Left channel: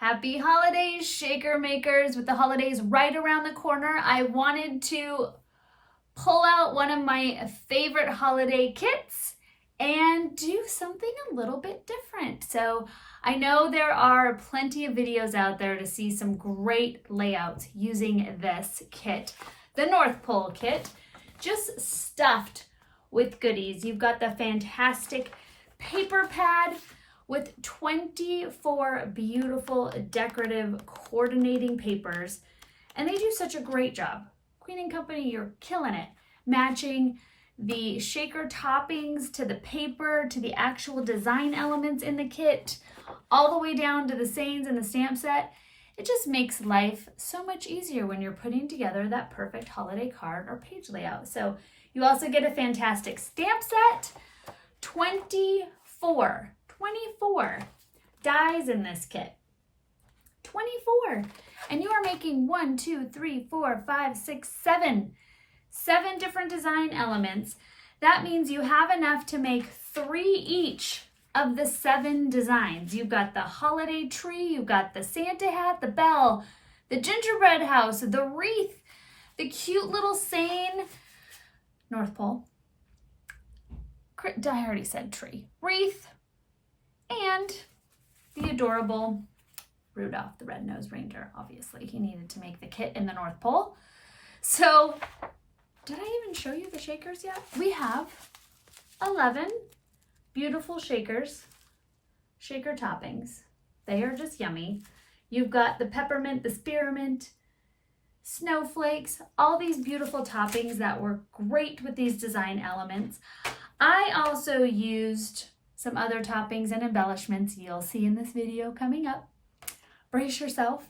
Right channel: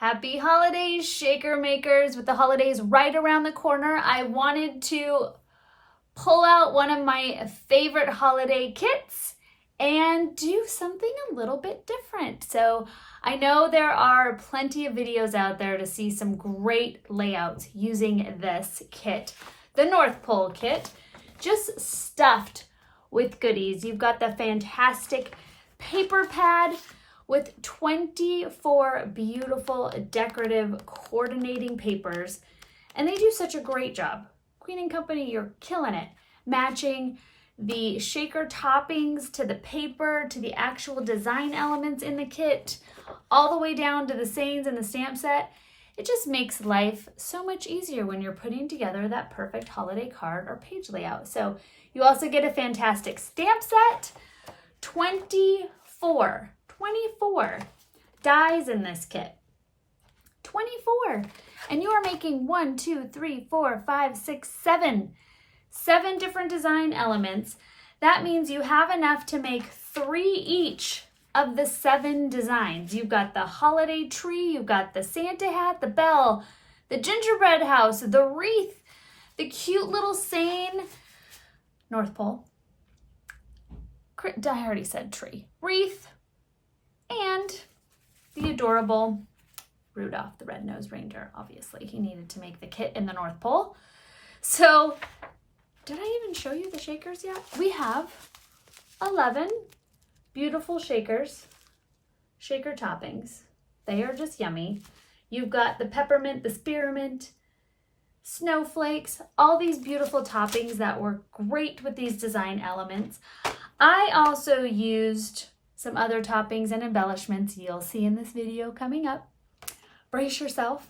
Happy holidays, shaker makers. With the holidays right around the corner, I wanted to pull out one of my favorite holiday kits and do something a little bit different. So I know there are plenty of videos out there to see some great layouts using this kit, the North Pole kit, just stuffed with goodies. You've got the fantastic paper pad with 24 beautiful decorative coordinating papers, and they do such a great job. Queen & Company, you're killing it. Matching the shaker toppings to the paper, to the actual design elements in the kit, all the way down to the sayings and the stamp set. It just makes life so much easier when you're putting together that perfect holiday card or page layout. So you also get a fantastic stamp set, 24 dies in this kit. 24. And you are making 1, 2, 3, 4, 5, 6, 7 different design elements. That means you have enough to make 3 each of the 7 designs. You've got the holiday tree, you've got the Santa hat, the bell, the gingerbread house, the wreath, the cute little saying, North Pole. I already said tree. Wreath, and the adorable Rudolph the Red-Nosed Reindeer. Obviously, he needed to make the kit in the North Pole. So, did I even show you the shakers yet? We have 11 beautiful shakers, shaker toppings. They are just yummy. You've got the peppermint, the spearmint, snowflakes, all these beautiful toppings that work great with these design elements. I also used some other toppings and embellishments you'll see in this video coming up. Brace yourself.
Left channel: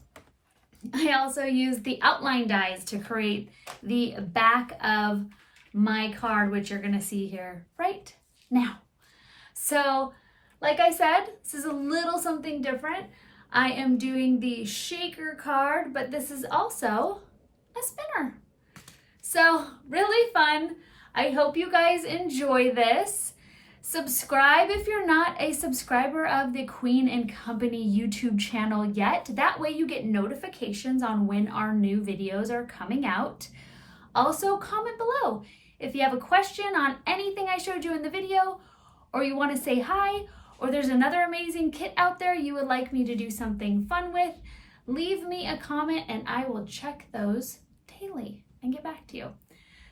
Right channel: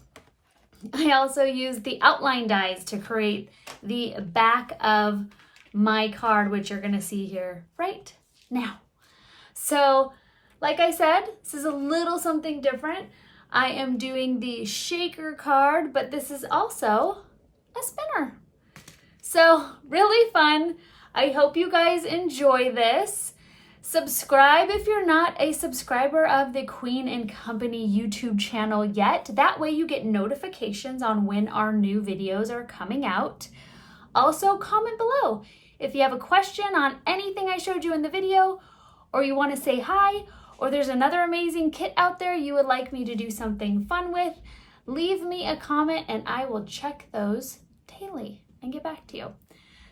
I also used the outline dies to create the back of my card, which you're gonna see here right now. So, like I said, this is a little something different. I am doing the shaker card, but this is also a spinner. So, really fun. I hope you guys enjoy this. Subscribe if you're not a subscriber of the Queen & Company YouTube channel yet. That way you get notifications on when our new videos are coming out. Also, comment below if you have a question on anything I showed you in the video, or you want to say hi, or there's another amazing kit out there you would like me to do something fun with. Leave me a comment and I will check those daily and get back to you.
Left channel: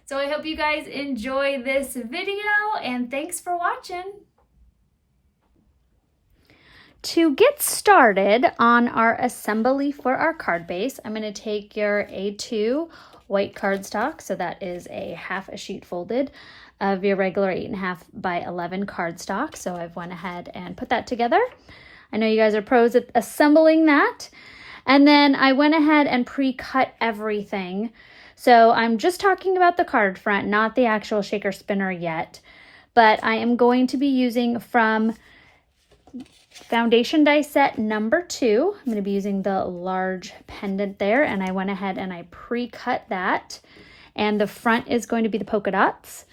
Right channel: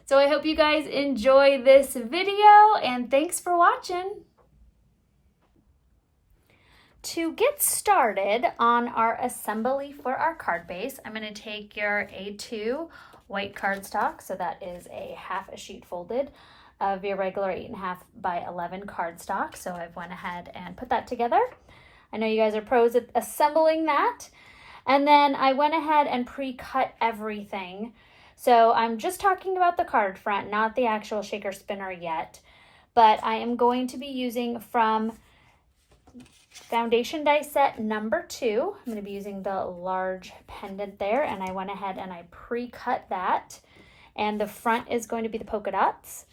So I hope you guys enjoy this video, and thanks for watching. To get started on our assembly for our card base, I'm going to take your A2 white cardstock, so that is a half a sheet folded of your regular 8.5 by 11 cardstock. So I've went ahead and put that together. I know you guys are pros at assembling that. And then I went ahead and pre-cut everything. So I'm just talking about the card front, not the actual shaker spinner yet, but I am going to be using from foundation die set number 2. I'm going to be using the large pendant there, and I went ahead and I pre-cut that, and the front is going to be the polka dots.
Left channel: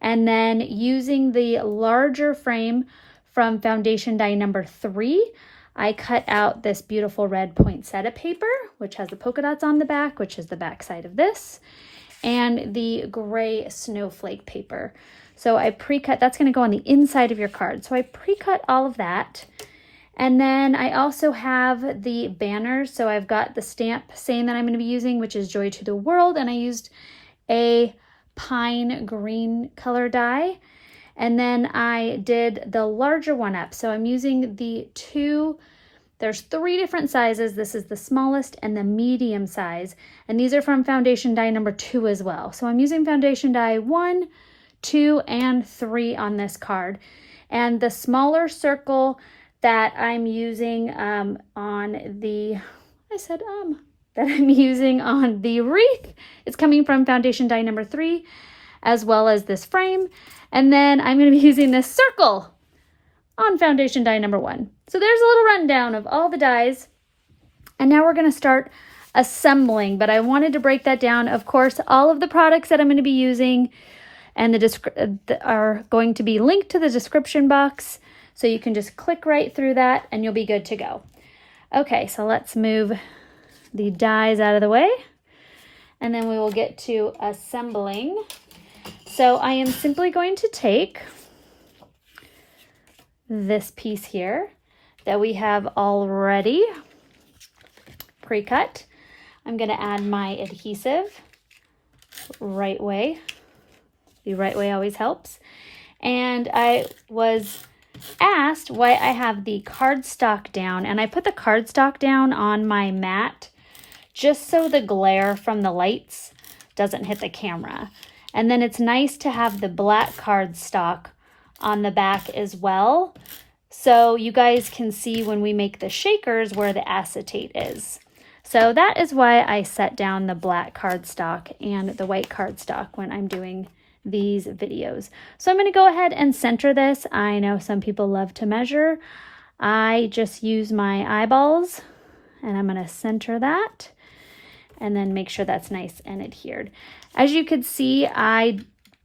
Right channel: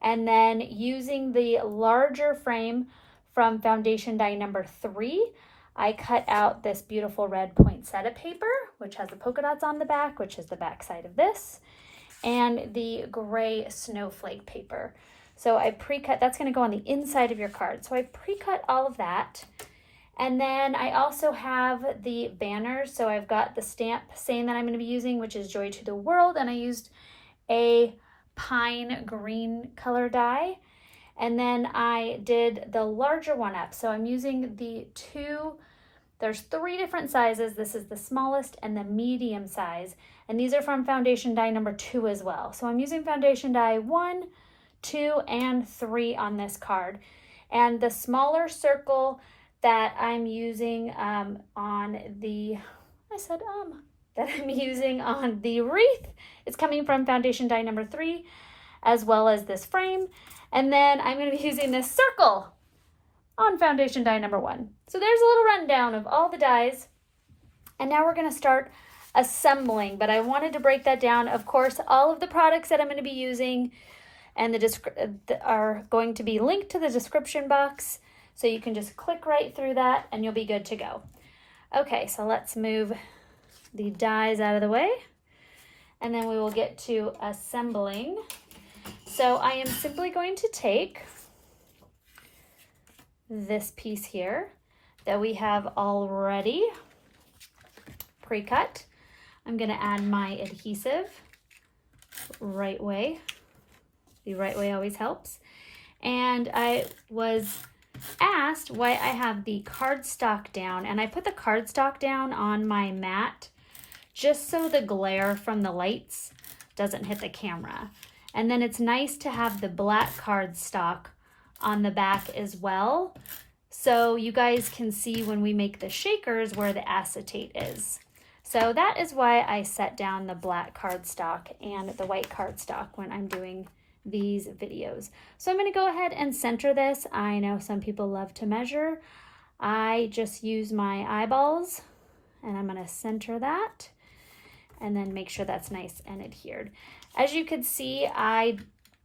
And then using the larger frame from foundation die number 3, I cut out this beautiful red poinsettia paper, which has the polka dots on the back, which is the back side of this, and the gray snowflake paper. So I pre-cut, that's going to go on the inside of your card. So I pre-cut all of that. And then I also have the banners. So I've got the stamp saying that I'm going to be using, which is Joy to the World, and I used a pine green color die. And then I did the larger one up. So I'm using the there's 3 different sizes. This is the smallest and the medium size. And these are from foundation die number 2 as well. So I'm using foundation die 1, 2, and 3 on this card. And the smaller circle that I'm using that I'm using on the wreath is coming from foundation die number 3, as well as this frame. And then I'm going to be using this circle on foundation die number 1. So there's a little rundown of all the dies. And now we're going to start assembling, but I wanted to break that down. Of course, all of the products that I'm going to be using and are going to be linked to the description box. So you can just click right through that and you'll be good to go. Okay, so let's move the dies out of the way, and then we will get to assembling. So I am simply going to take this piece here that we have already pre-cut. I'm going to add my adhesive right way. The right way always helps. And I was asked why I have the cardstock down, and I put the cardstock down on my mat just so the glare from the lights doesn't hit the camera. And then it's nice to have the black cardstock on the back as well, so you guys can see when we make the shakers where the acetate is. So that is why I set down the black cardstock and the white cardstock when I'm doing these videos. So I'm going to go ahead and center this. I know some people love to measure. I just use my eyeballs, and I'm going to center that and then make sure that's nice and adhered. As you could see, I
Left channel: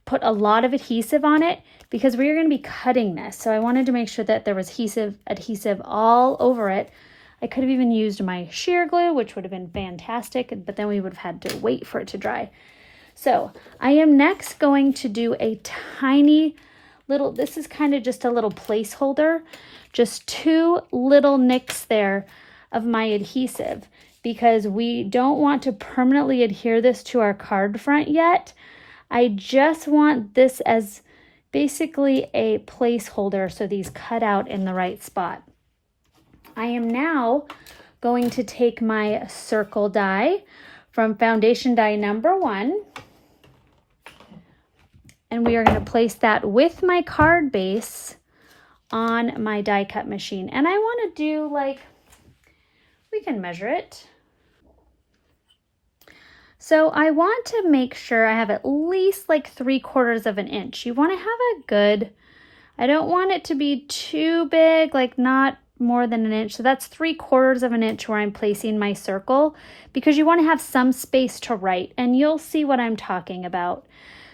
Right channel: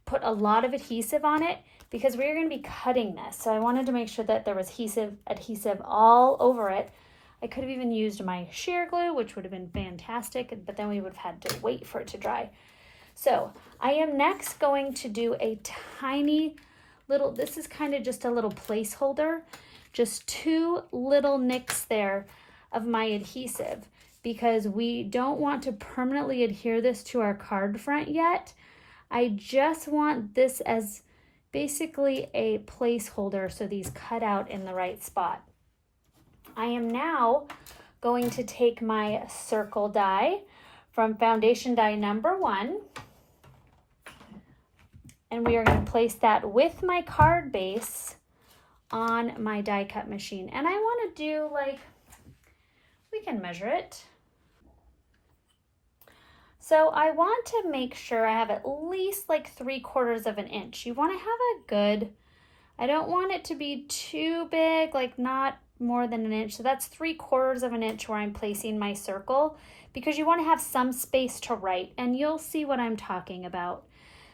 put a lot of adhesive on it because we are going to be cutting this. So I wanted to make sure that there was adhesive all over it. I could have even used my sheer glue, which would have been fantastic, but then we would have had to wait for it to dry. So I am next going to do a tiny little, this is kind of just a little placeholder, just 2 little nicks there of my adhesive, because we don't want to permanently adhere this to our card front yet. I just want this as basically a placeholder so these cut out in the right spot. I am now going to take my circle die from foundation die number 1, and we are going to place that with my card base on my die cut machine. And I want to do, like, we can measure it. So I want to make sure I have at least like 3/4 of an inch. You want to have a good, I don't want it to be too big, like not more than an inch. So that's 3/4 of an inch where I'm placing my circle, because you want to have some space to write, and you'll see what I'm talking about.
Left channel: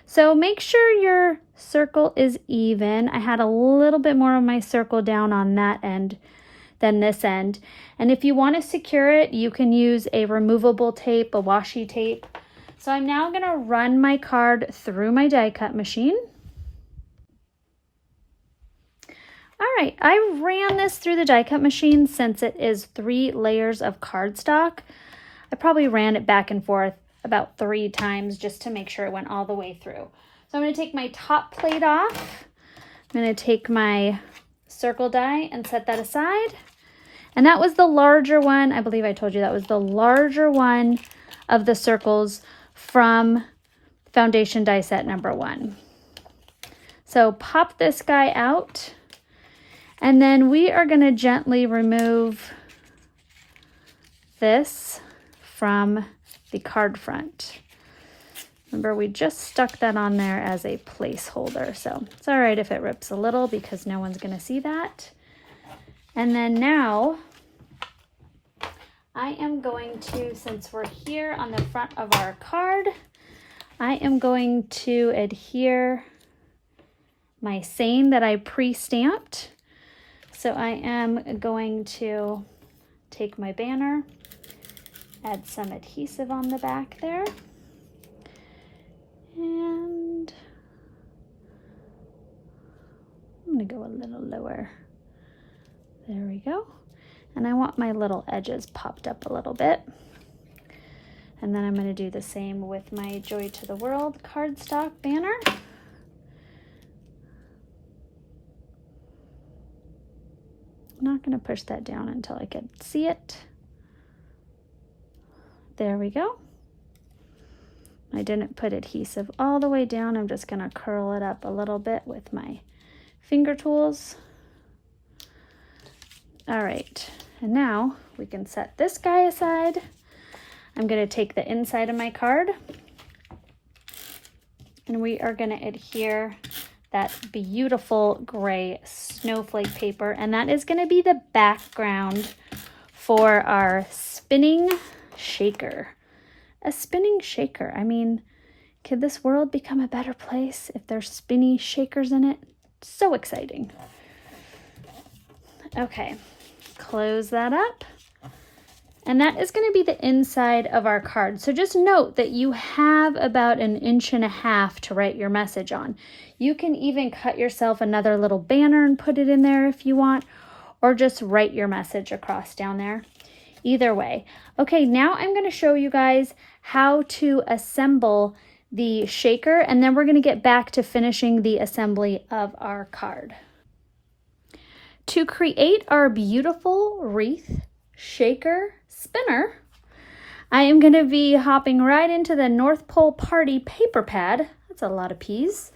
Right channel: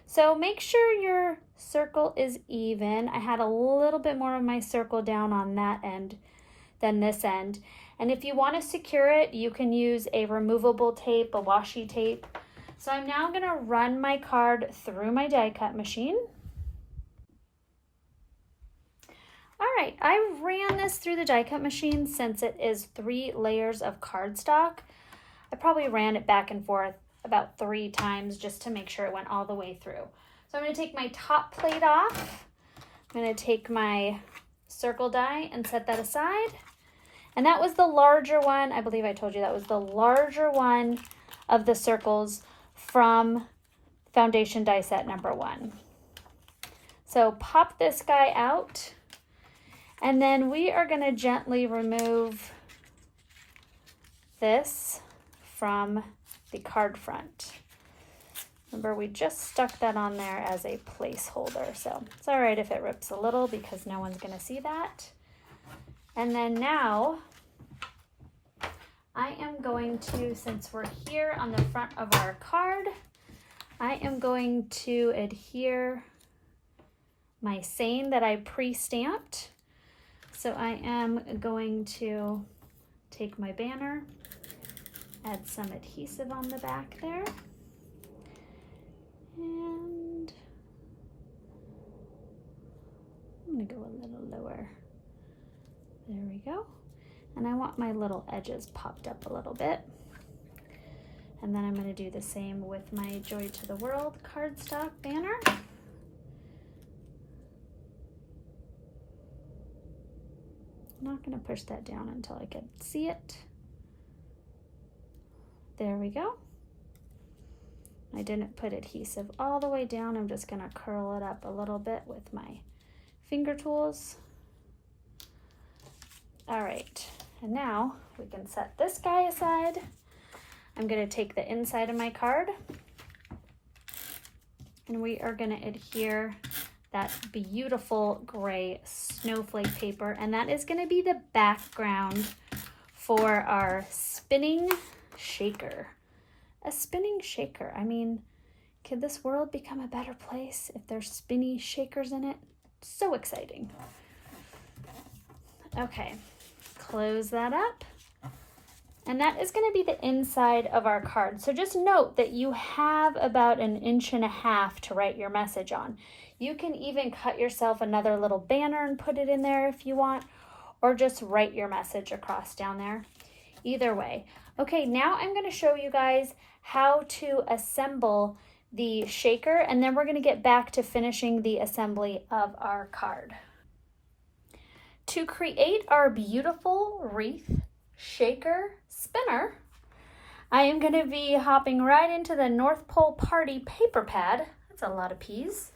So make sure your circle is even. I had a little bit more of my circle down on that end than this end. And if you want to secure it, you can use a removable tape, a washi tape. So I'm now going to run my card through my die cut machine. All right, I ran this through the die cut machine since it is 3 layers of cardstock. I probably ran it back and forth about 3 times just to make sure it went all the way through. So I'm going to take my top plate off. I'm going to take my circle die and set that aside. And that was the larger one. I believe I told you that was the larger one of the circles from foundation die set number 1. So pop this guy out, and then we are going to gently remove this from the card front. Remember, we just stuck that on there as a placeholder, so it's all right if it rips a little because no one's going to see that. And then now I am going to, since we're here on the front of our card, I am going to adhere my same that I pre-stamped. So I am going to take my banner, add some adhesive on the back there, and I'm going to go a little lower. There we go. And I want my little edges popped up a little bit. And then I'm going to do the same with my Joy to the World cardstock banner. I'm not going to push that down until I can see it. There we go. I didn't put adhesive all the way down. I'm just going to curl it up a little bit with my finger tools. All right, and now we can set this guy aside. I'm going to take the inside of my card, and we are going to adhere that beautiful gray snowflake paper, and that is going to be the background for our spinning shaker. A spinning shaker. I mean, could this world become a better place if there's spinny shakers in it? So exciting. Okay, close that up. And that is going to be the inside of our card. So just note that you have about 1.5 inches to write your message on. You can even cut yourself another little banner and put it in there if you want, or just write your message across down there. Either way. Okay, now I'm going to show you guys how to assemble the shaker, and then we're going to get back to finishing the assembly of our card. To create our beautiful wreath shaker spinner, I am going to be hopping right into the North Pole Party paper pad. That's a lot of P's.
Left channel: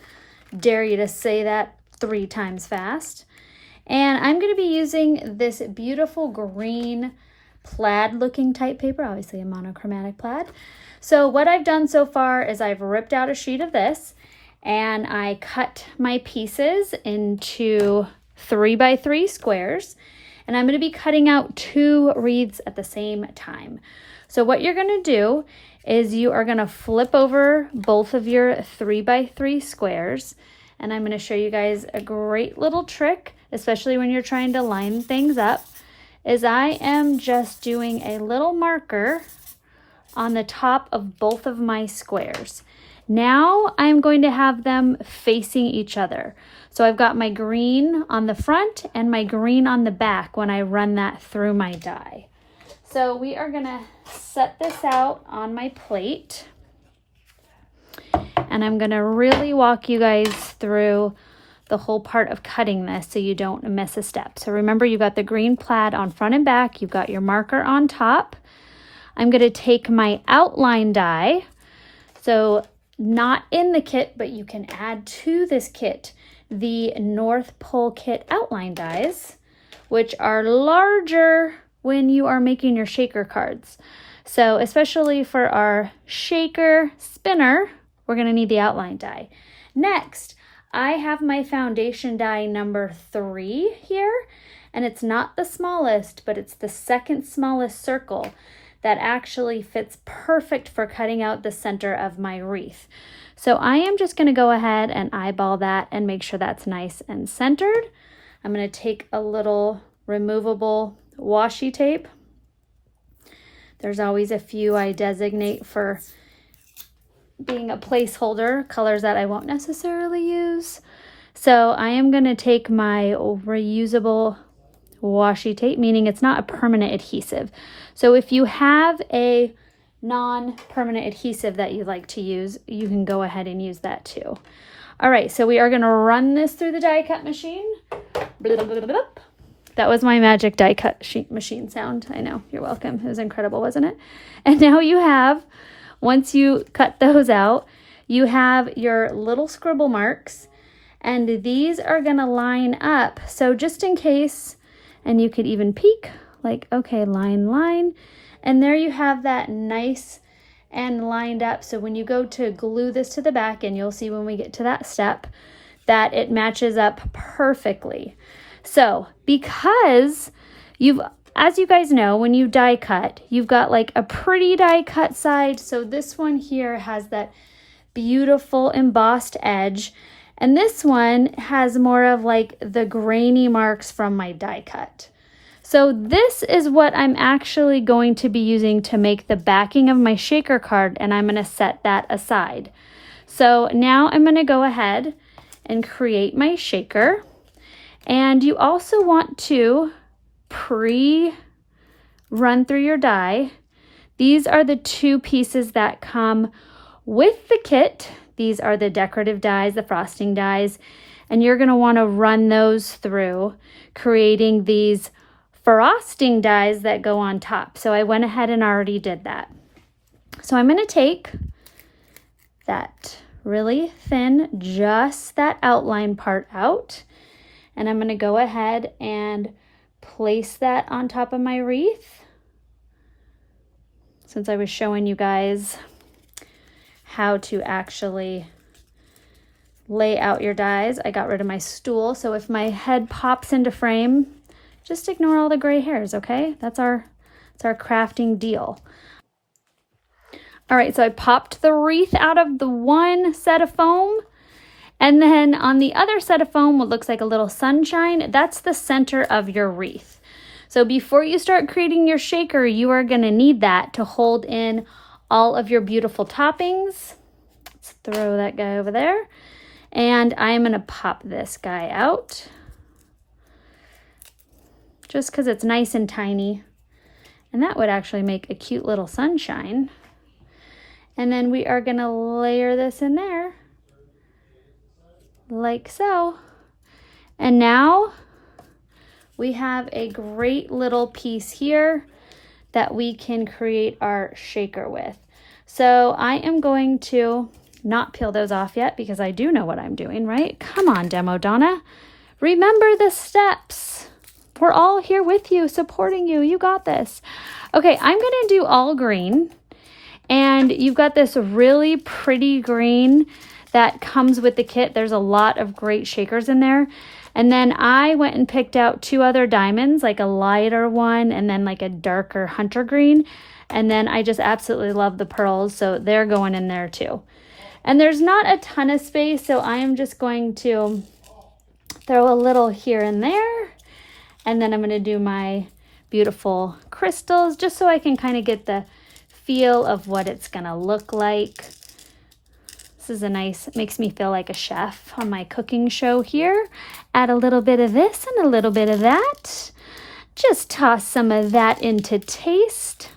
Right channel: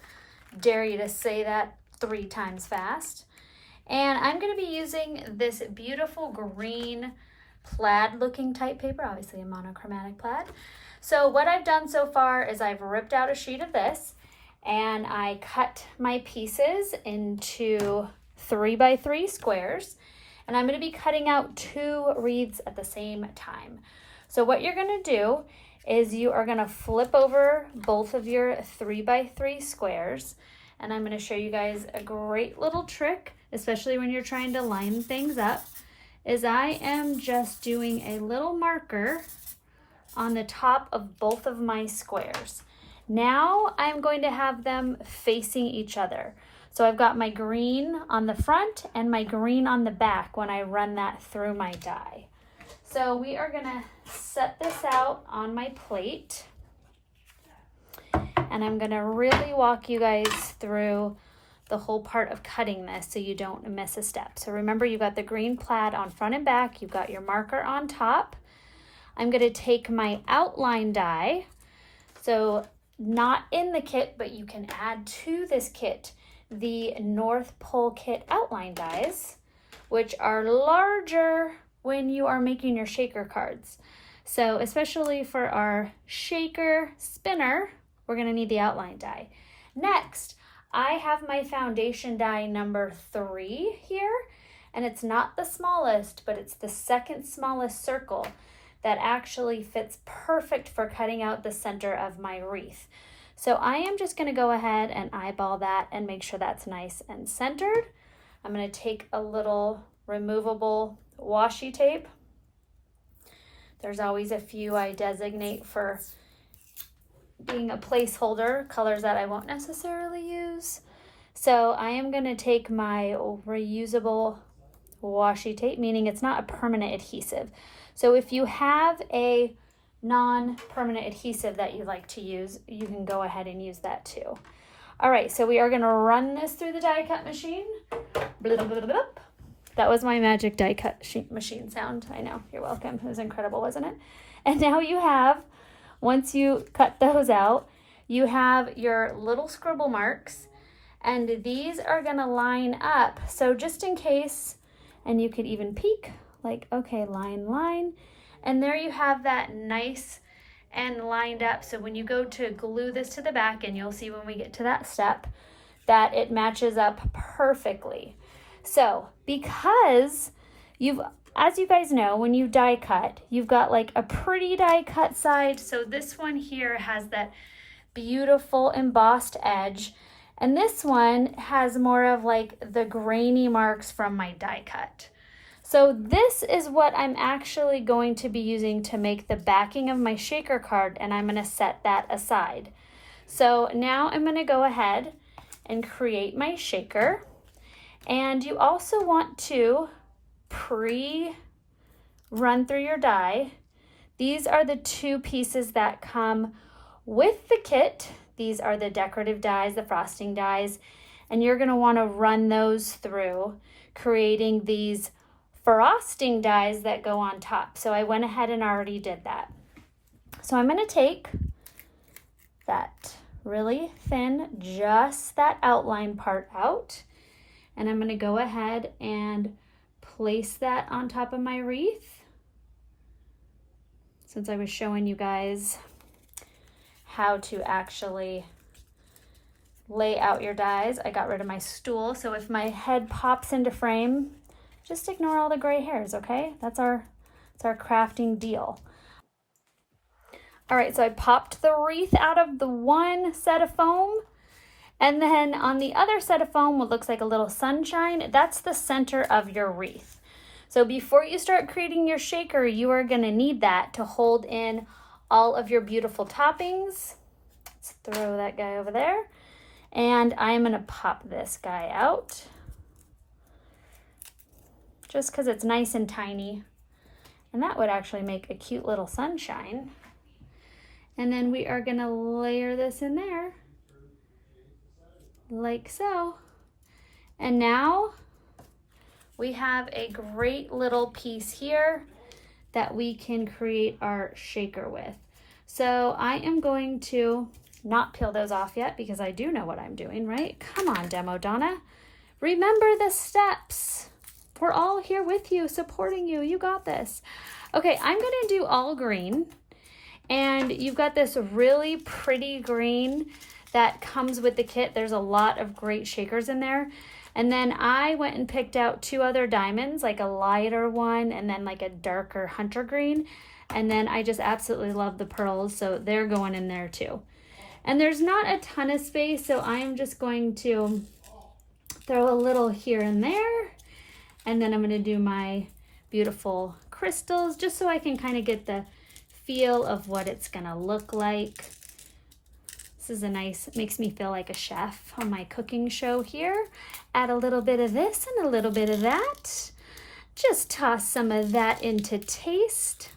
Dare you to say that 3 times fast. And I'm going to be using this beautiful green plaid looking type paper, obviously a monochromatic plaid. So what I've done so far is I've ripped out a sheet of this and I cut my pieces into 3x3 squares, and I'm going to be cutting out 2 wreaths at the same time. So what you're going to do is you are going to flip over both of your 3x3 squares, and I'm going to show you guys a great little trick, especially when you're trying to line things up, is I am just doing a little marker on the top of both of my squares. Now I'm going to have them facing each other. So I've got my green on the front and my green on the back when I run that through my die. So we are gonna set this out on my plate, and I'm gonna really walk you guys through the whole part of cutting this so you don't miss a step. So remember, you've got the green plaid on front and back, you've got your marker on top. I'm gonna take my outline die, so not in the kit, but you can add to this kit the North Pole Kit outline dies, which are larger when you are making your shaker cards. So especially for our shaker spinner, we're gonna need the outline die. Next, I have my foundation die number 3 here, and it's not the smallest, but it's the second smallest circle that actually fits perfect for cutting out the center of my wreath. So I am just going to go ahead and eyeball that and make sure that's nice and centered. I'm going to take a little removable washi tape. There's always a few I designate for being a placeholder, colors that I won't necessarily use. So I am going to take my reusable washi tape, meaning it's not a permanent adhesive. So if you have a non-permanent adhesive that you like to use, you can go ahead and use that too. All right, so we are going to run this through the die cut machine. Blah, blah, blah, blah. That was my magic die cut machine sound. I know, you're welcome. It was incredible, wasn't it? And now you have, once you cut those out, you have your little scribble marks, and these are going to line up. So just in case, and you could even peek, like, okay, line, line. And there you have that nice and lined up. So when you go to glue this to the back, and you'll see when we get to that step, that it matches up perfectly. So because as you guys know, when you die cut, you've got like a pretty die cut side. So this one here has that beautiful embossed edge. And this one has more of like the grainy marks from my die cut. So this is what I'm actually going to be using to make the backing of my shaker card, and I'm going to set that aside. So now I'm going to go ahead and create my shaker. And you also want to pre-run through your die. These are the 2 pieces that come with the kit. These are the decorative dies, the frosting dies, and you're going to want to run those through, creating these frosting dies that go on top. So I went ahead and already did that. So I'm going to take that really thin, just that outline part out, and I'm going to go ahead and place that on top of my wreath. Since I was showing you guys how to actually lay out your dies, I got rid of my stool. So if my head pops into frame, just ignore all the gray hairs, okay? That's our crafting deal. All right, so I popped the wreath out of the one set of foam, and then on the other set of foam, what looks like a little sunshine, that's the center of your wreath. So before you start creating your shaker, you are gonna need that to hold in all of your beautiful toppings. Let's throw that guy over there. And I'm gonna pop this guy out just because it's nice and tiny. And that would actually make a cute little sunshine. And then we are gonna layer this in there like so. And now we have a great little piece here that we can create our shaker with. So I am going to not peel those off yet because I do know what I'm doing, right? Come on, Demo Donna. Remember the steps. We're all here with you, supporting you. You got this. Okay, I'm gonna do all green. And you've got this really pretty green that comes with the kit. There's a lot of great shakers in there. And then I went and picked out 2 other diamonds, like a lighter one and then like a darker hunter green. And then I just absolutely love the pearls, so they're going in there too. And there's not a ton of space, so I am just going to throw a little here and there. And then I'm gonna do my beautiful crystals just so I can kind of get the feel of what it's gonna look like. This is a nice, makes me feel like a chef on my cooking show here. Add a little bit of this and a little bit of that. Just toss some of that into taste.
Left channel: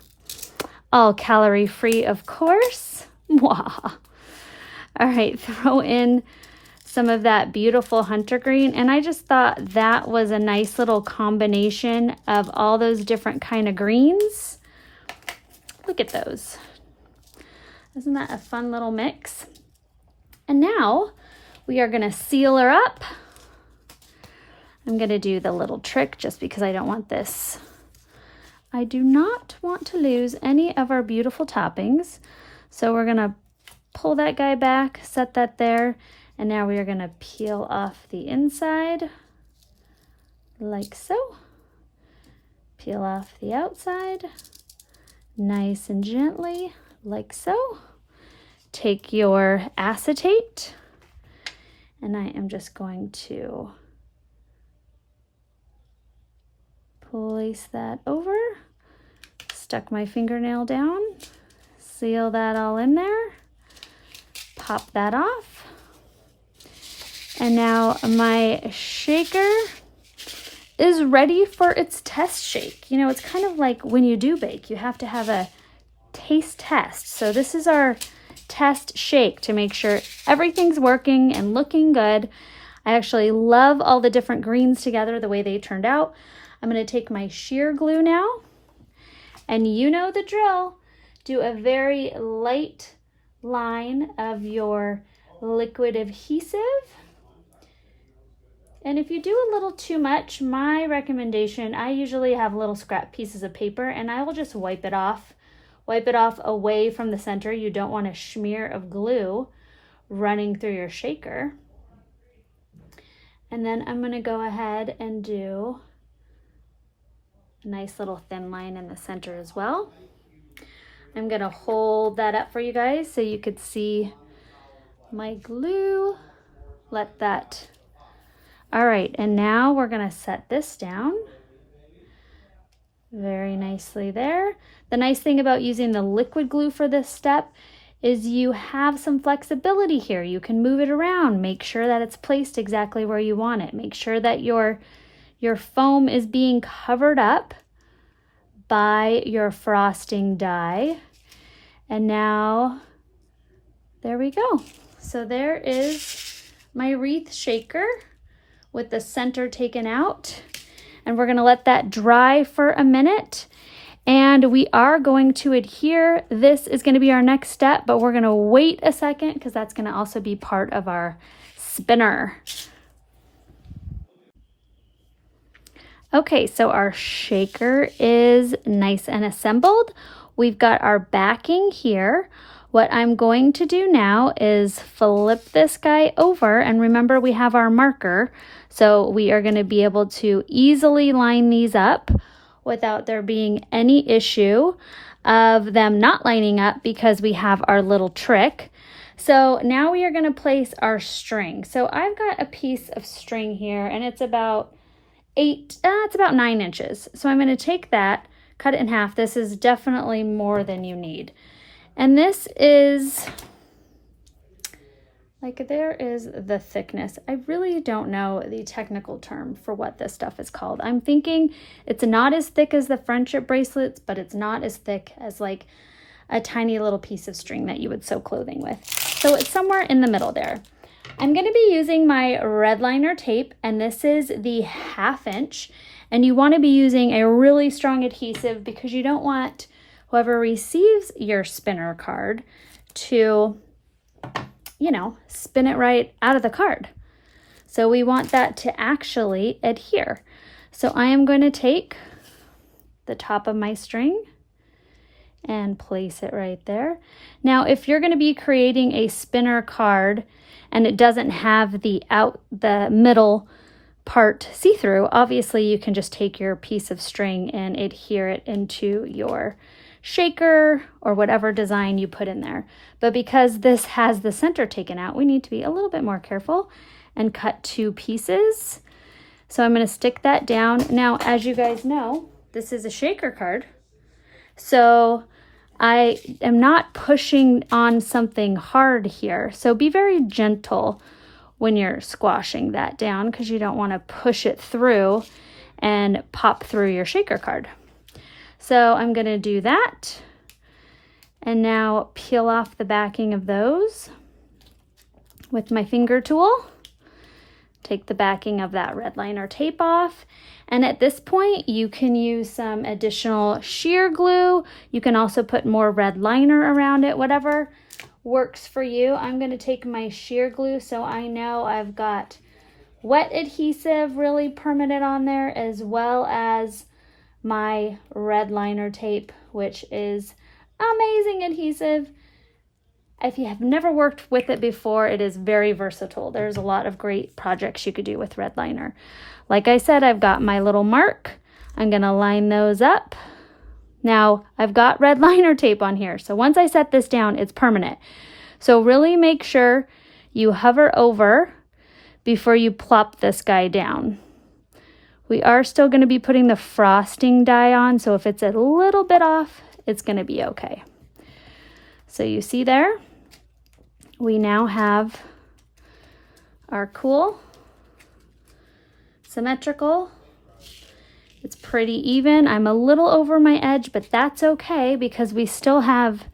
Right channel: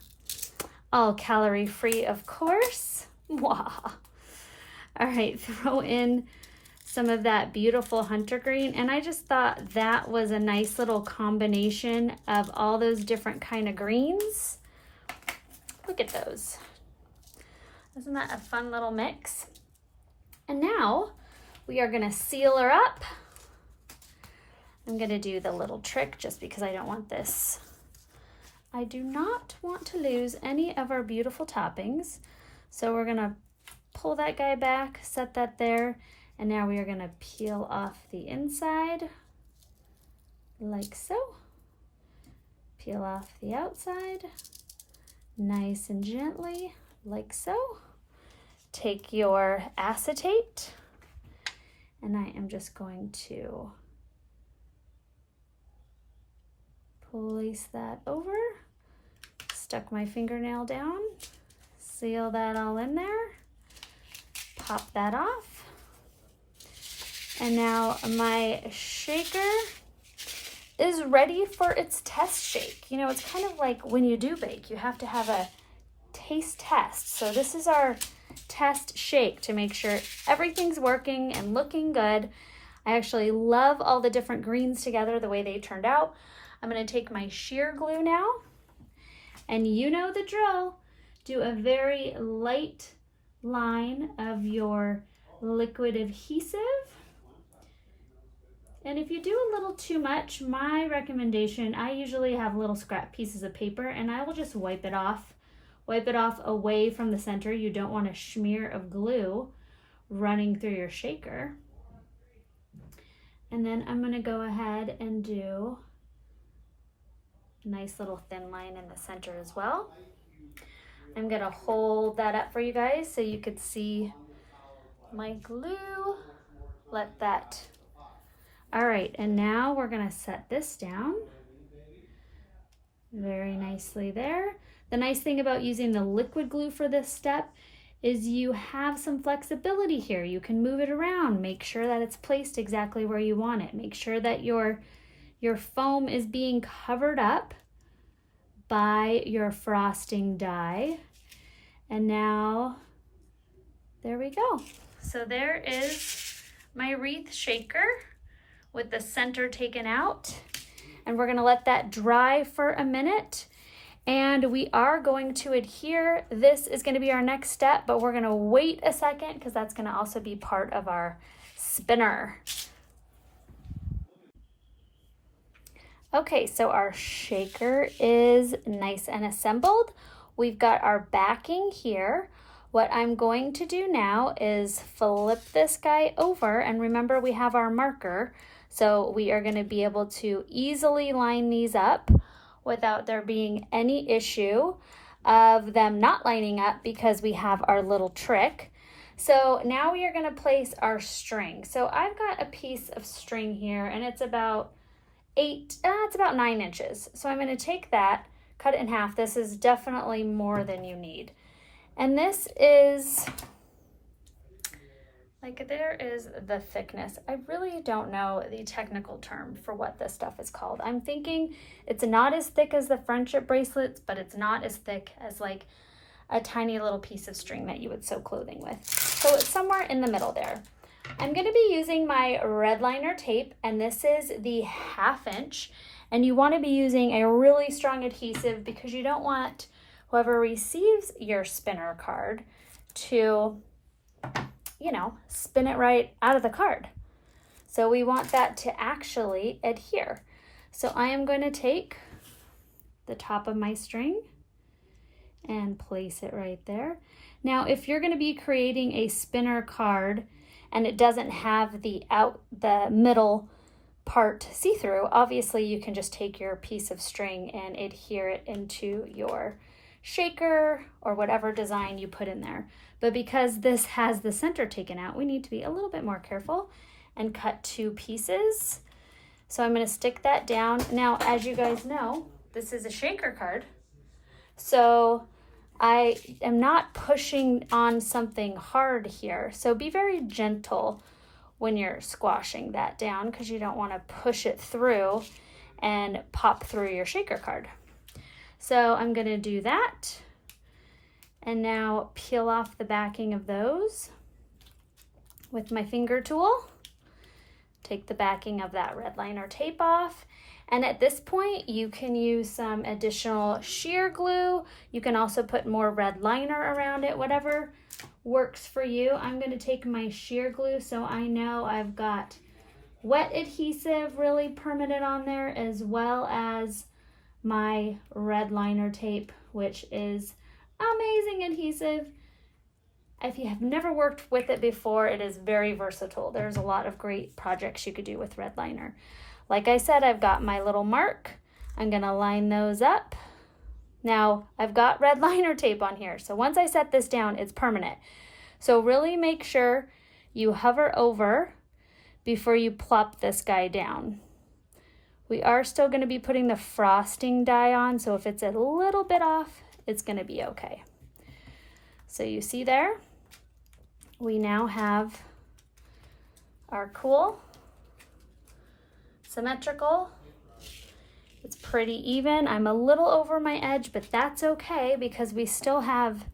All calorie free, of course. Mwah. All right, throw in some of that beautiful hunter green. And I just thought that was a nice little combination of all those different kind of greens. Look at those. Isn't that a fun little mix? And now we are gonna seal her up. I'm gonna do the little trick just because I don't want this. I do not want to lose any of our beautiful toppings. So we're gonna pull that guy back, set that there, and now we are gonna peel off the inside like so. Peel off the outside, nice and gently, like so. Take your acetate, and I am just going to place that over, stuck my fingernail down, seal that all in there, pop that off. And now my shaker is ready for its test shake. You know, it's kind of like when you do bake, you have to have a taste test. So this is our test shake to make sure everything's working and looking good. I actually love all the different greens together, the way they turned out. I'm gonna take my sheer glue now, and you know the drill. Do a very light line of your liquid adhesive. And if you do a little too much, my recommendation, I usually have little scrap pieces of paper and I will just wipe it off. Wipe it off away from the center. You don't want a smear of glue running through your shaker. And then I'm gonna go ahead and do a nice little thin line in the center as well. I'm gonna hold that up for you guys so you could see my glue. Let that. All right, and now we're gonna set this down very nicely there. The nice thing about using the liquid glue for this step is you have some flexibility here. You can move it around, make sure that it's placed exactly where you want it. Make sure that your foam is being covered up by your frosting die. And now, there we go. So there is my wreath shaker with the center taken out. And we're gonna let that dry for a minute. And we are going to adhere. This is gonna be our next step, but we're gonna wait a second because that's gonna also be part of our spinner. Okay, so our shaker is nice and assembled. We've got our backing here. What I'm going to do now is flip this guy over, and remember we have our marker, so we are gonna be able to easily line these up without there being any issue of them not lining up because we have our little trick. So now we are gonna place our string. So I've got a piece of string here and it's about it's about 9 inches. So I'm going to take that, cut it in half. This is definitely more than you need. And this is, like, there is the thickness. I really don't know the technical term for what this stuff is called. I'm thinking it's not as thick as the friendship bracelets, but it's not as thick as like a tiny little piece of string that you would sew clothing with. So it's somewhere in the middle there. I'm going to be using my red liner tape, and this is the 1/2 inch. And you want to be using a really strong adhesive because you don't want whoever receives your spinner card to, you know, spin it right out of the card. So we want that to actually adhere. So I am going to take the top of my string and place it right there. Now, if you're going to be creating a spinner card and it doesn't have the middle part see-through, obviously you can just take your piece of string and adhere it into your shaker or whatever design you put in there. But because this has the center taken out, we need to be a little bit more careful and cut 2 pieces. So I'm going to stick that down. Now, as you guys know, this is a shaker card. So I am not pushing on something hard here. So be very gentle when you're squashing that down because you don't want to push it through and pop through your shaker card. So I'm going to do that. And now peel off the backing of those with my finger tool. Take the backing of that red liner tape off. And at this point, you can use some additional sheer glue. You can also put more red liner around it, whatever works for you. I'm going to take my sheer glue so I know I've got wet adhesive really permanent on there, as well as my red liner tape, which is amazing adhesive. If you have never worked with it before, it is very versatile. There's a lot of great projects you could do with red liner. Like I said, I've got my little mark. I'm gonna line those up. Now, I've got red liner tape on here, so once I set this down, it's permanent. So really make sure you hover over before you plop this guy down. We are still gonna be putting the frosting die on, so if it's a little bit off, it's gonna be okay. So you see there, we now have our cool, symmetrical. It's pretty even. I'm a little over my edge, but that's okay because we still have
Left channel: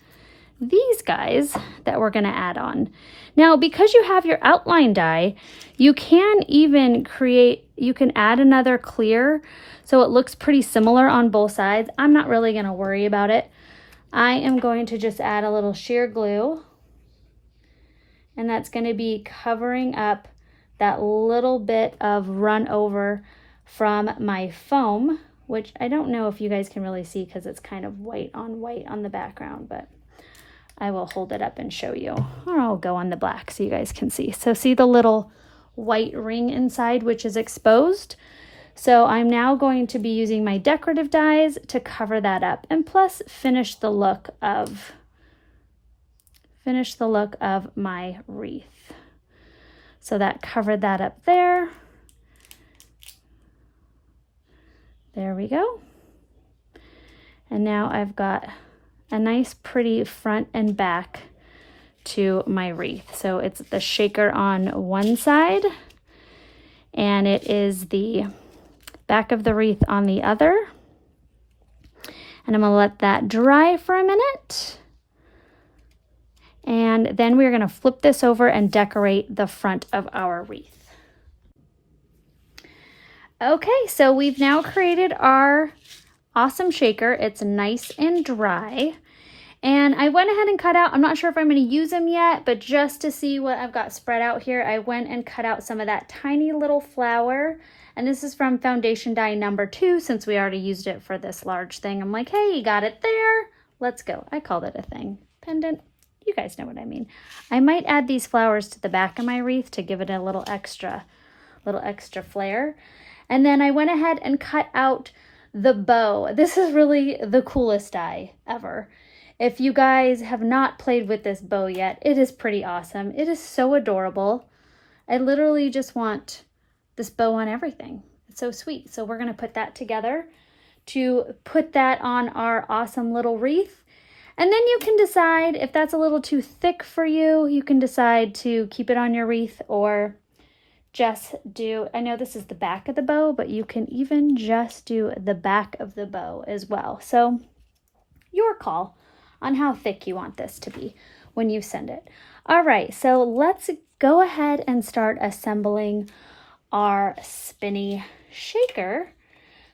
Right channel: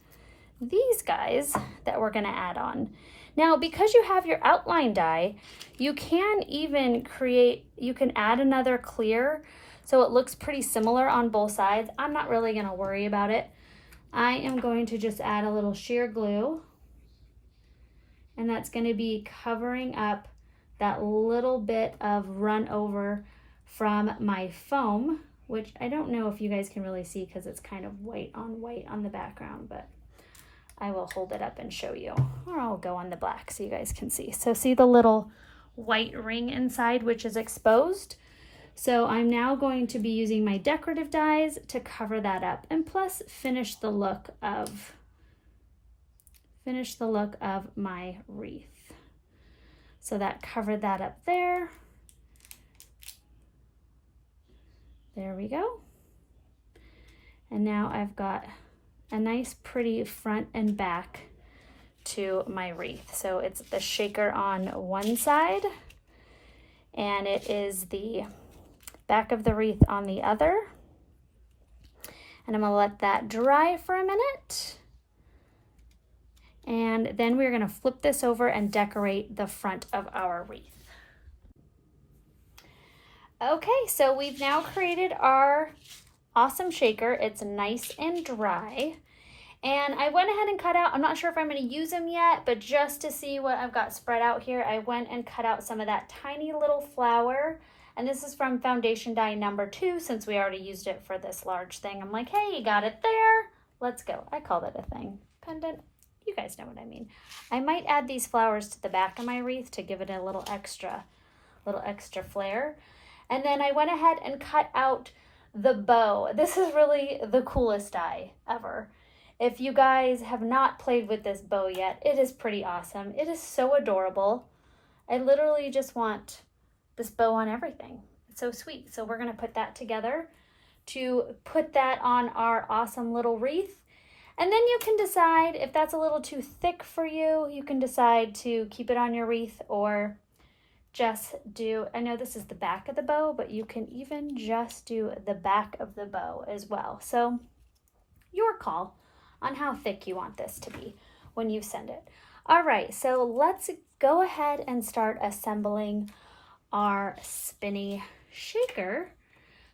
these guys that we're gonna add on. Now, because you have your outline die, you can add another clear so it looks pretty similar on both sides. I'm not really gonna worry about it. I am going to just add a little sheer glue, and that's going to be covering up that little bit of run over from my foam, which I don't know if you guys can really see because it's kind of white on the background, but I will hold it up and show you, or I'll go on the black so you guys can see. So see the little white ring inside, which is exposed? So I'm now going to be using my decorative dies to cover that up, and plus finish the look of my wreath. So that covered that up there. There we go. And now I've got a nice pretty front and back to my wreath. So it's the shaker on one side, and it is the back of the wreath on the other. And I'm gonna let that dry for a minute. And then we're gonna flip this over and decorate the front of our wreath. Okay, so we've now created our awesome shaker. It's nice and dry. And I went ahead and cut out, I'm not sure if I'm gonna use them yet, but just to see what I've got spread out here, I went and cut out some of that tiny little flower. And this is from foundation die number 2, since we already used it for this large thing. I'm like, hey, you got it there. Let's go. I called it a thing. Pendant. You guys know what I mean. I might add these flowers to the back of my wreath to give it a little extra flair. And then I went ahead and cut out the bow. This is really the coolest die ever. If you guys have not played with this bow yet, it is pretty awesome. It is so adorable. I literally just want this bow on everything. So sweet. So we're going to put that together to put that on our awesome little wreath. And then you can decide if that's a little too thick for you. You can decide to keep it on your wreath or just do, I know this is the back of the bow, but you can even just do the back of the bow as well. So your call on how thick you want this to be when you send it. All right, so let's go ahead and start assembling our spinny shaker.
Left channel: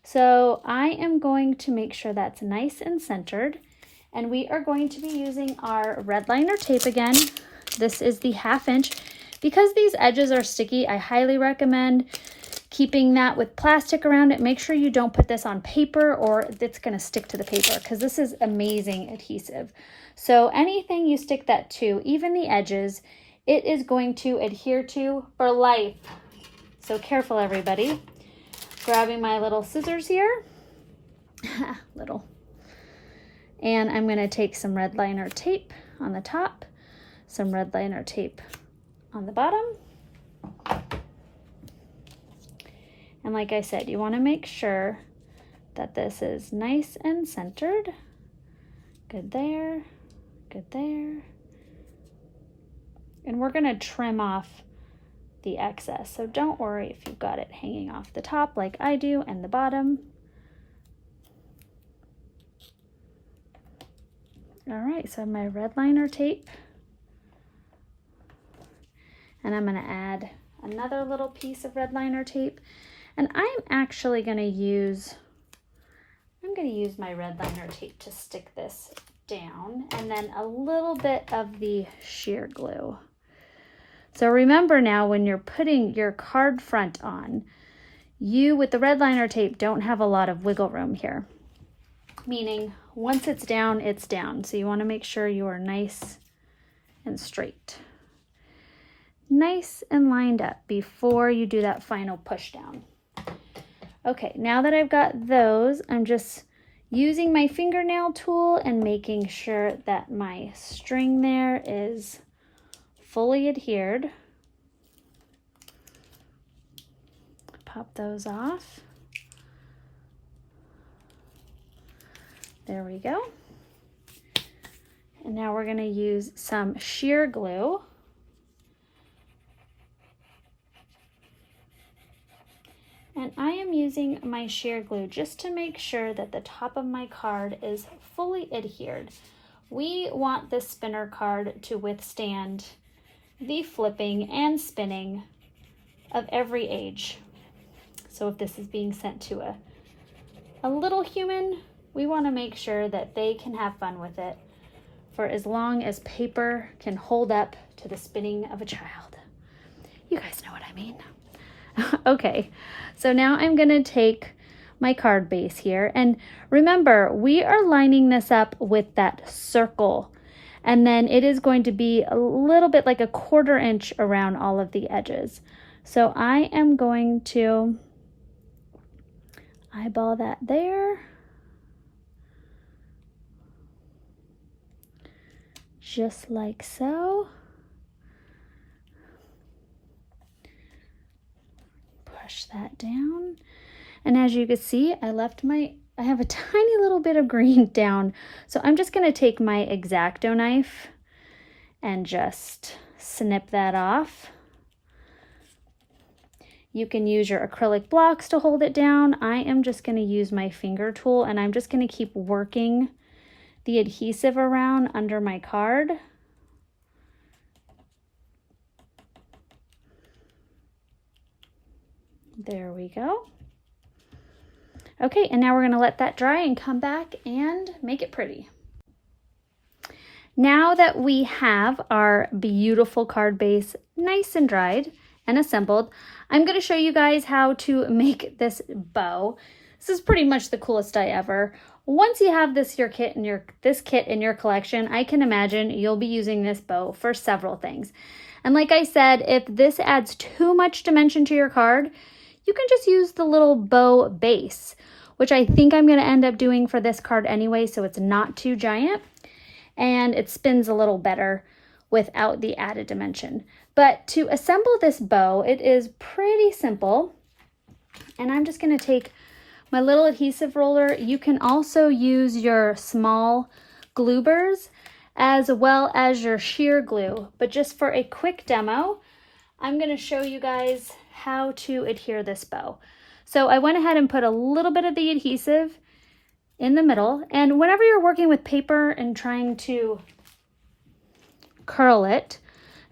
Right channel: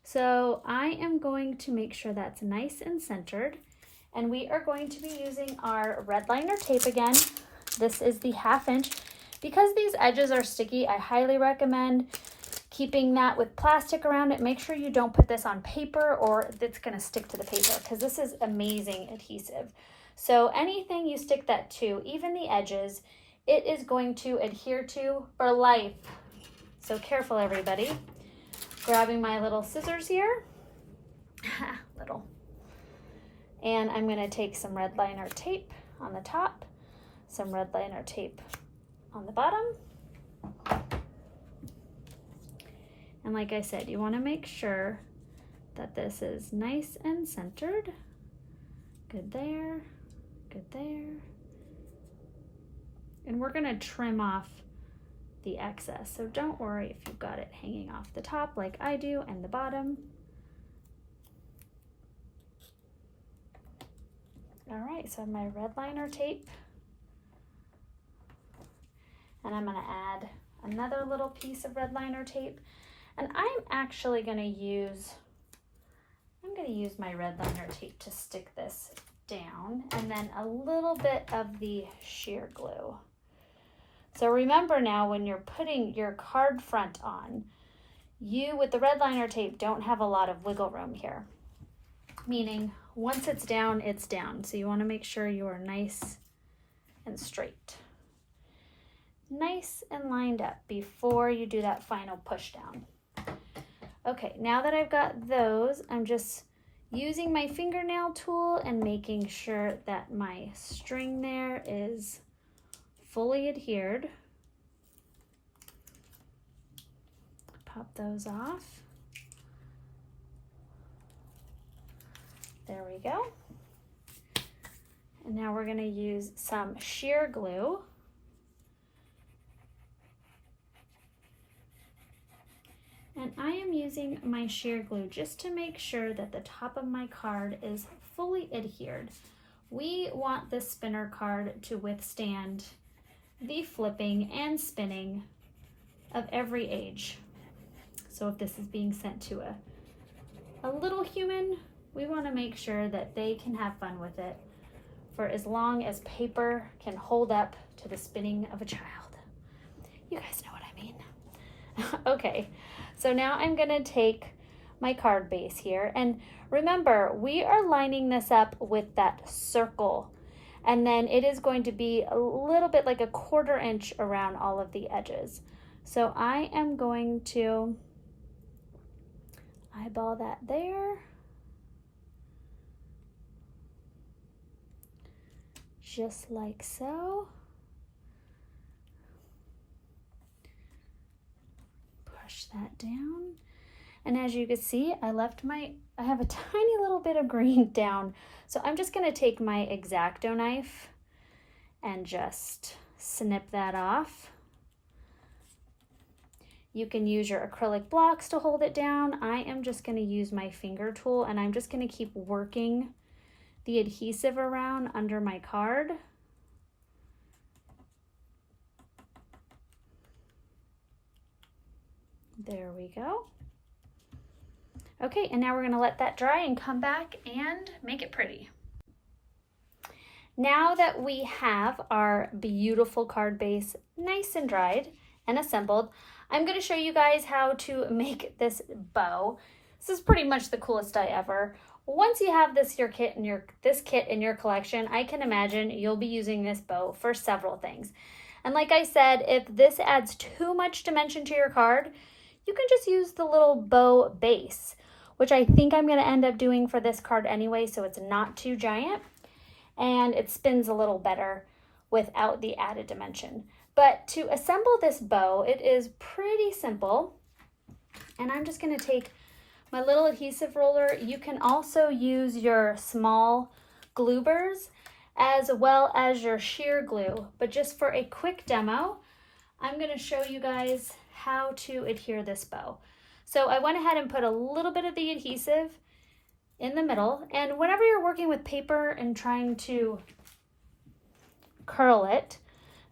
So I am going to make sure that's nice and centered, and we are going to be using our red liner tape again. This is the 1/2 inch. Because these edges are sticky, I highly recommend keeping that with plastic around it. Make sure you don't put this on paper or it's gonna stick to the paper because this is amazing adhesive. So anything you stick that to, even the edges, it is going to adhere to for life. So careful, everybody. Grabbing my little scissors here, and I'm gonna take some red liner tape on the top, some red liner tape on the bottom. And like I said, you want to make sure that this is nice and centered. Good there, good there. And we're going to trim off the excess. So don't worry if you've got it hanging off the top like I do and the bottom. All right, so my red liner tape. And I'm going to add another little piece of red liner tape. And I'm actually going to use, my red liner tape to stick this down, and then a little bit of the sheer glue. So remember now, when you're putting your card front on, you with the red liner tape don't have a lot of wiggle room here. Meaning once it's down, it's down. So you want to make sure you are nice and straight. Nice and lined up before you do that final push down. Okay, now that I've got those, I'm just using my fingernail tool and making sure that my string there is fully adhered. Pop those off. There we go. And now we're going to use some sheer glue. And I am using my sheer glue just to make sure that the top of my card is fully adhered. We want this spinner card to withstand the flipping and spinning of every age. So if this is being sent to a little human, we want to make sure that they can have fun with it for as long as paper can hold up to the spinning of a child. You guys know what I mean. Okay, so now I'm gonna take my card base here, and remember, we are lining this up with that circle, and then it is going to be a little bit like a 1/4 inch around all of the edges. So I am going to eyeball that there. Just like so. Push that down. And as you can see, I have a tiny little bit of green down. So I'm just gonna take my X-Acto knife and just snip that off. You can use your acrylic blocks to hold it down. I am just gonna use my finger tool, and I'm just gonna keep working the adhesive around under my card. There we go. Okay, and now we're gonna let that dry and come back and make it pretty. Now that we have our beautiful card base nice and dried and assembled, I'm gonna show you guys how to make this bow. This is pretty much the coolest die ever. Once you have this kit in your collection, I can imagine you'll be using this bow for several things. And like I said, if this adds too much dimension to your card, you can just use the little bow base, which I think I'm gonna end up doing for this card anyway, so it's not too giant and it spins a little better without the added dimension. But to assemble this bow, it is pretty simple. And I'm just gonna take my little adhesive roller. You can also use your small glue burrs as well as your sheer glue. But just for a quick demo, I'm gonna show you guys how to adhere this bow. So I went ahead and put a little bit of the adhesive in the middle. And whenever you're working with paper and trying to curl it,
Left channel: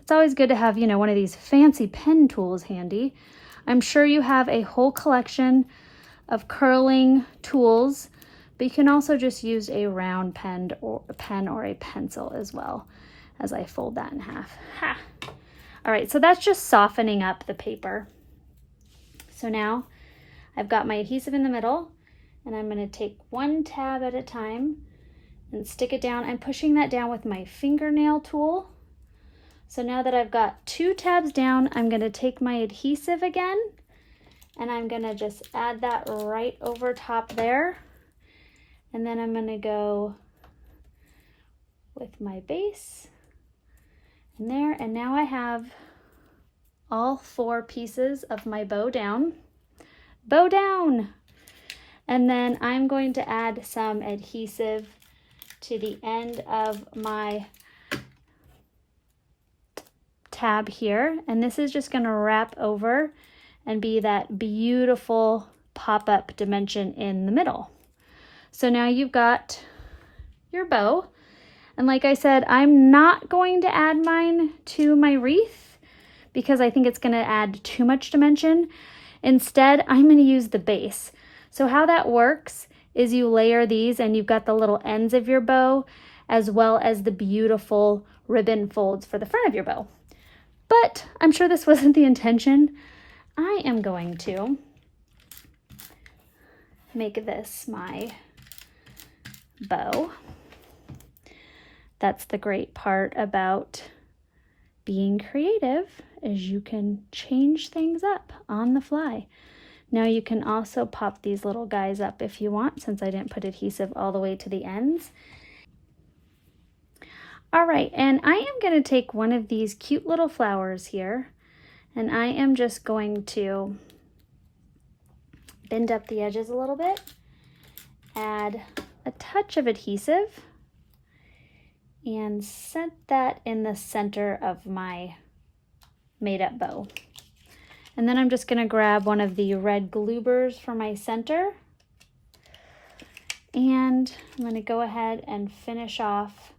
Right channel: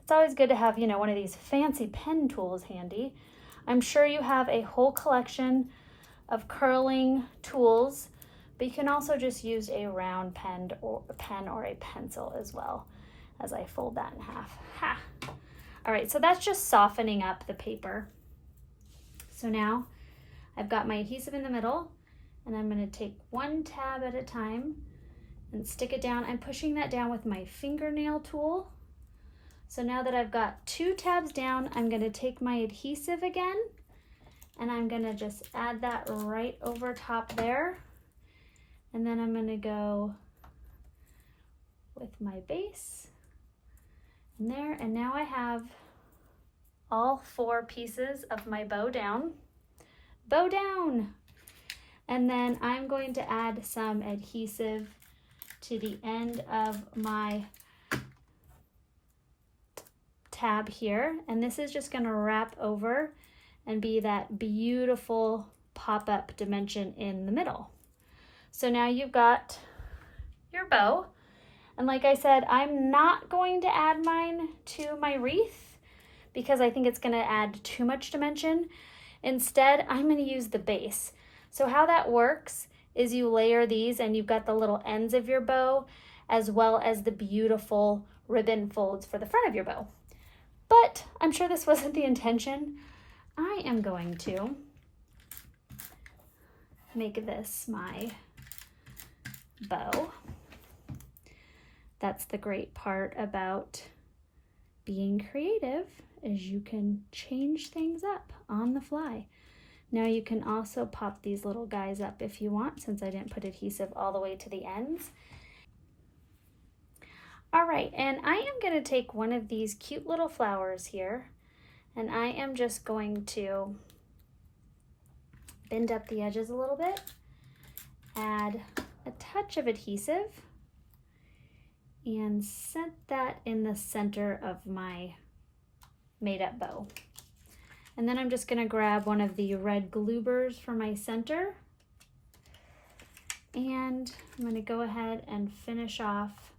it's always good to have, you know, one of these fancy pen tools handy. I'm sure you have a whole collection of curling tools, but you can also just use a round pen or a pencil as well, as I fold that in half. Ha! All right, so that's just softening up the paper. So now I've got my adhesive in the middle, and I'm going to take one tab at a time and stick it down. I'm pushing that down with my fingernail tool. So now that I've got 2 tabs down, I'm going to take my adhesive again, and I'm going to just add that right over top there. And then I'm going to go with my base and there. And now I have all 4 pieces of my bow down. Bow down! And then I'm going to add some adhesive to the end of my tab here, and this is just going to wrap over and be that beautiful pop-up dimension in the middle. So now you've got your bow, and like I said, I'm not going to add mine to my wreath because I think it's going to add too much dimension. Instead, I'm going to use the base. So how that works is you layer these, and you've got the little ends of your bow as well as the beautiful ribbon folds for the front of your bow. But I'm sure this wasn't the intention. I am going to make this my bow. That's the great part about being creative, is you can change things up on the fly. Now you can also pop these little guys up if you want, since I didn't put adhesive all the way to the ends. All right, and I am going to take one of these cute little flowers here, and I am just going to bend up the edges a little bit, add a touch of adhesive, and set that in the center of my made-up bow. And then I'm just going to grab one of the red glue burrs for my center, and I'm going to go ahead and finish off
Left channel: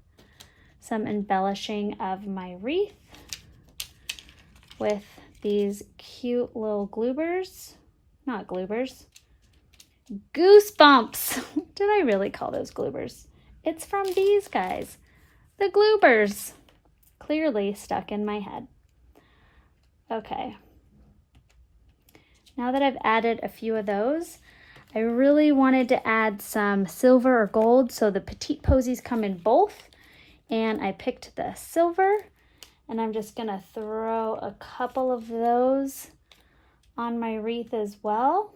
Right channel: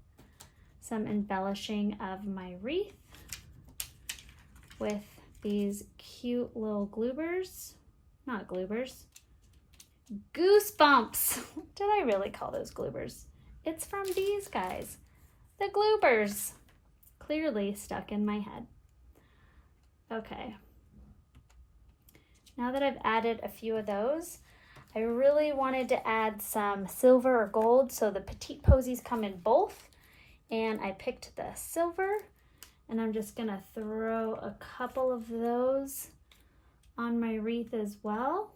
some embellishing of my wreath with these cute little glue burrs. Not glue burrs, Goosebumps. Did I really call those glue burrs? It's from these guys, the glue burrs. Clearly stuck in my head. Okay. Now that I've added a few of those, I really wanted to add some silver or gold, so the Petite Posies come in both. And I picked the silver, and I'm just gonna throw a couple of those on my wreath as well.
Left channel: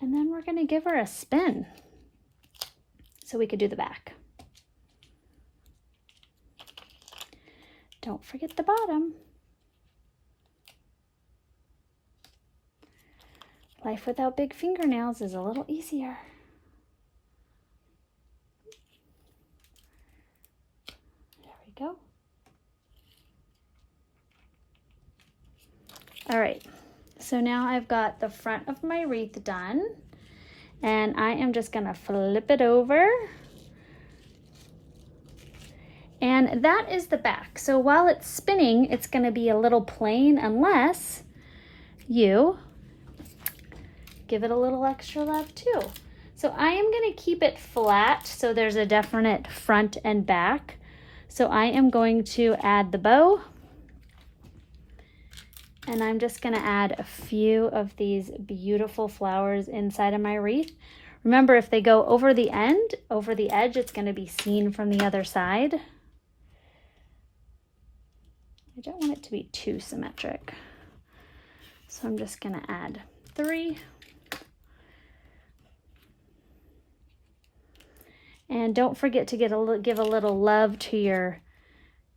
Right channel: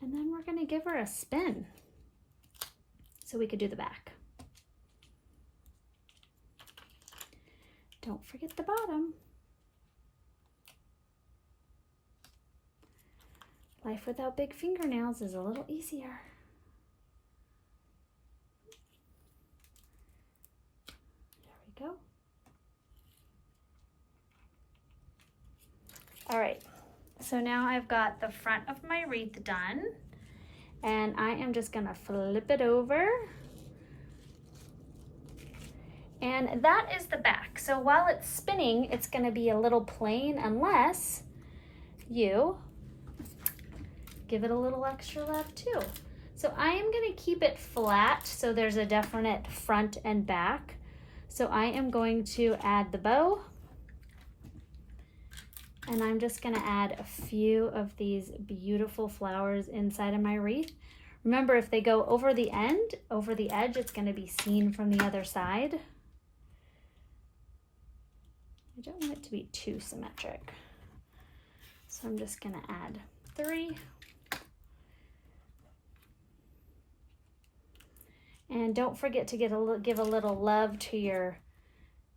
And then we're gonna give her a spin so we could do the back. Don't forget the bottom. Life without big fingernails is a little easier. Go. All right, so now I've got the front of my wreath done, and I am just gonna flip it over, and that is the back. So while it's spinning, it's gonna be a little plain unless you give it a little extra love too. So I am gonna keep it flat so there's a definite front and back. So I am going to add the bow, and I'm just going to add a few of these beautiful flowers inside of my wreath. Remember, if they go over the end, over the edge, it's going to be seen from the other side. I don't want it to be too symmetric. So I'm just going to add 3. And don't forget to give a little love to your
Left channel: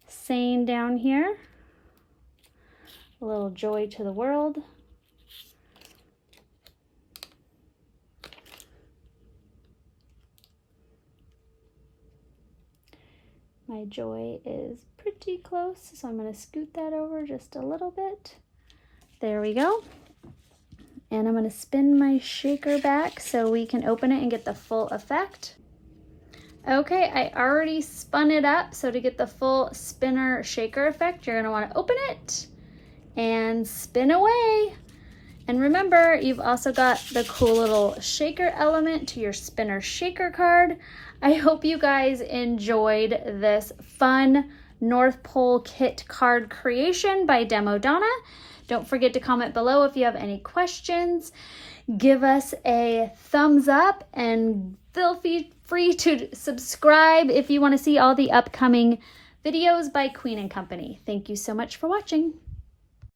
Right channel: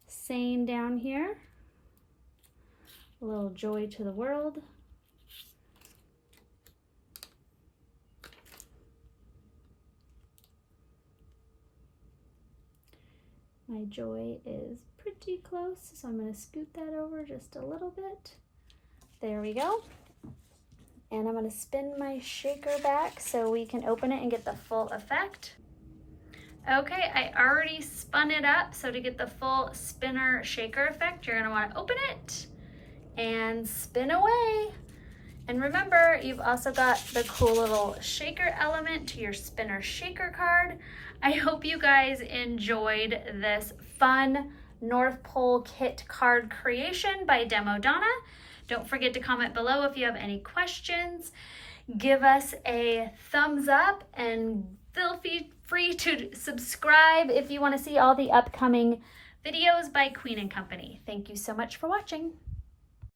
saying down here. A little joy to the world. My joy is pretty close, so I'm going to scoot that over just a little bit. There we go. And I'm going to spin my shaker back so we can open it and get the full effect. Okay, I already spun it up, so to get the full spinner shaker effect, you're going to want to open it and spin away. And remember, you've also got the cool little shaker element to your spinner shaker card. I hope you guys enjoyed this fun North Pole kit card creation by Demo Donna. Don't forget to comment below if you have any questions. Give us a thumbs up and feel free to subscribe if you want to see all the upcoming videos by Queen & Company. Thank you so much for watching.